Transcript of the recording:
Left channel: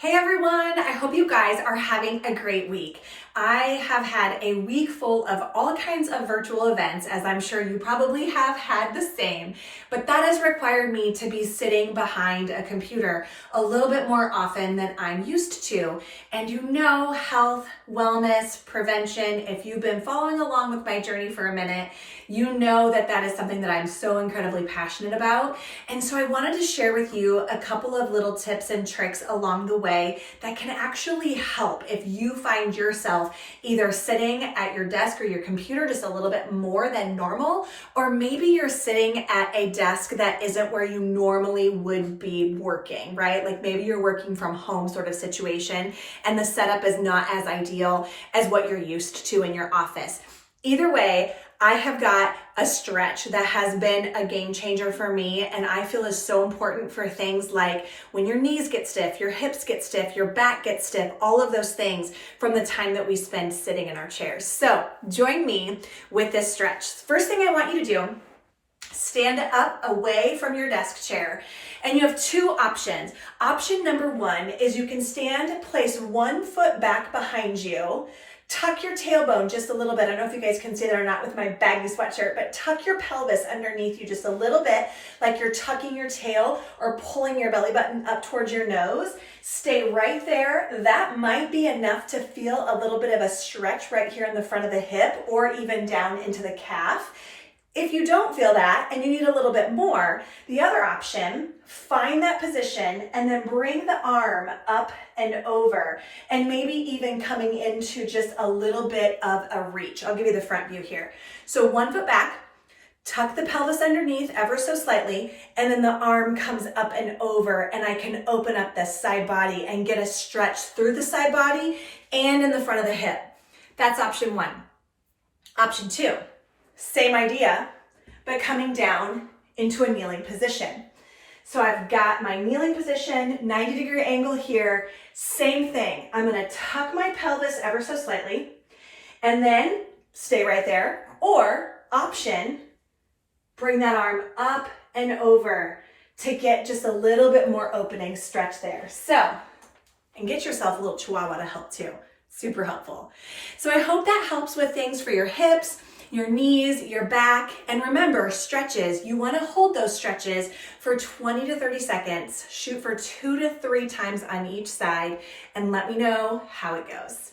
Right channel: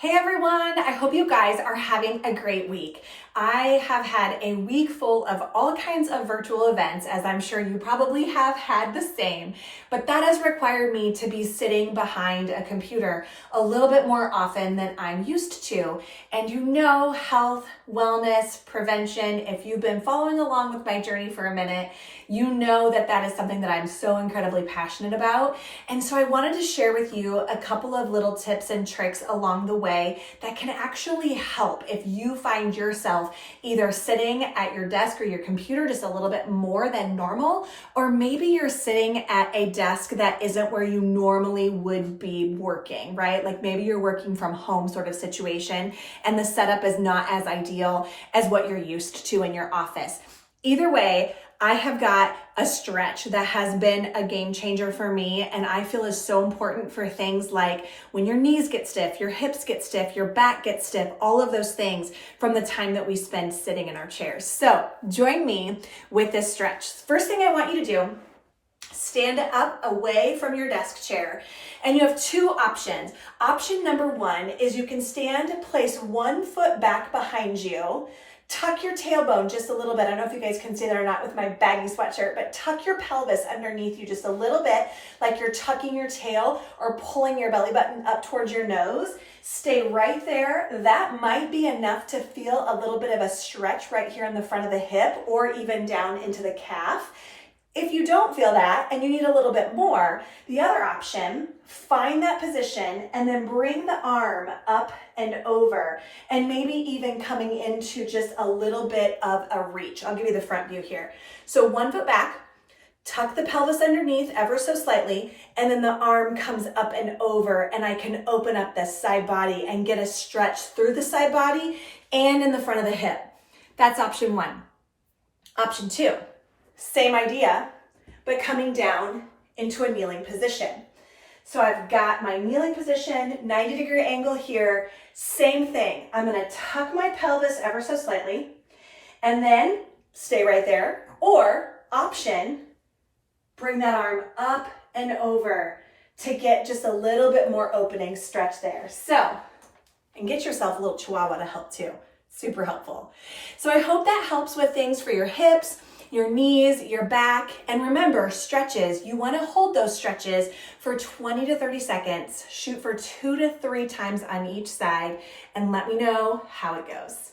Hey everyone, I hope you guys are having a great week. I have had a week full of all kinds of virtual events, as I'm sure you probably have had the same, but that has required me to be sitting behind a computer a little bit more often than I'm used to. And you know, health, wellness, prevention, if you've been following along with my journey for a minute, you know that that is something that I'm so incredibly passionate about. And so I wanted to share with you a couple of little tips and tricks along the way that can actually help if you find yourself either sitting at your desk or your computer just a little bit more than normal, or maybe you're sitting at a desk that isn't where you normally would be working, right? Like maybe you're working from home sort of situation and the setup is not as ideal as what you're used to in your office. Either way, I have got a stretch that has been a game changer for me, and I feel is so important for things like when your knees get stiff, your hips get stiff, your back gets stiff, all of those things from the time that we spend sitting in our chairs. So join me with this stretch. First thing I want you to do, stand up away from your desk chair. And you have two options. Option number one is you can stand, place one foot back behind you, tuck your tailbone just a little bit. I don't know if you guys can see that or not with my baggy sweatshirt, but tuck your pelvis underneath you just a little bit, like you're tucking your tail or pulling your belly button up towards your nose. Stay right there. That might be enough to feel a little bit of a stretch right here in the front of the hip or even down into the calf. If you don't feel that and you need a little bit more, the other option, find that position and then bring the arm up and over and maybe even coming into just a little bit of a reach. I'll give you the front view here. So 1 foot back, tuck the pelvis underneath ever so slightly, and then the arm comes up and over and I can open up the side body and get a stretch through the side body and in the front of the hip. That's option one. Option two. Same idea, but coming down into a kneeling position. So I've got my kneeling position, 90-degree angle here, same thing. I'm gonna tuck my pelvis ever so slightly and then stay right there. Or option, bring that arm up and over to get just a little bit more opening stretch there. So, and get yourself a little chihuahua to help too. Super helpful. So I hope that helps with things for your hips, your knees, your back, and remember, stretches, you want to hold those stretches for 20 to 30 seconds, shoot for 2 to 3 times on each side, and let me know how it goes.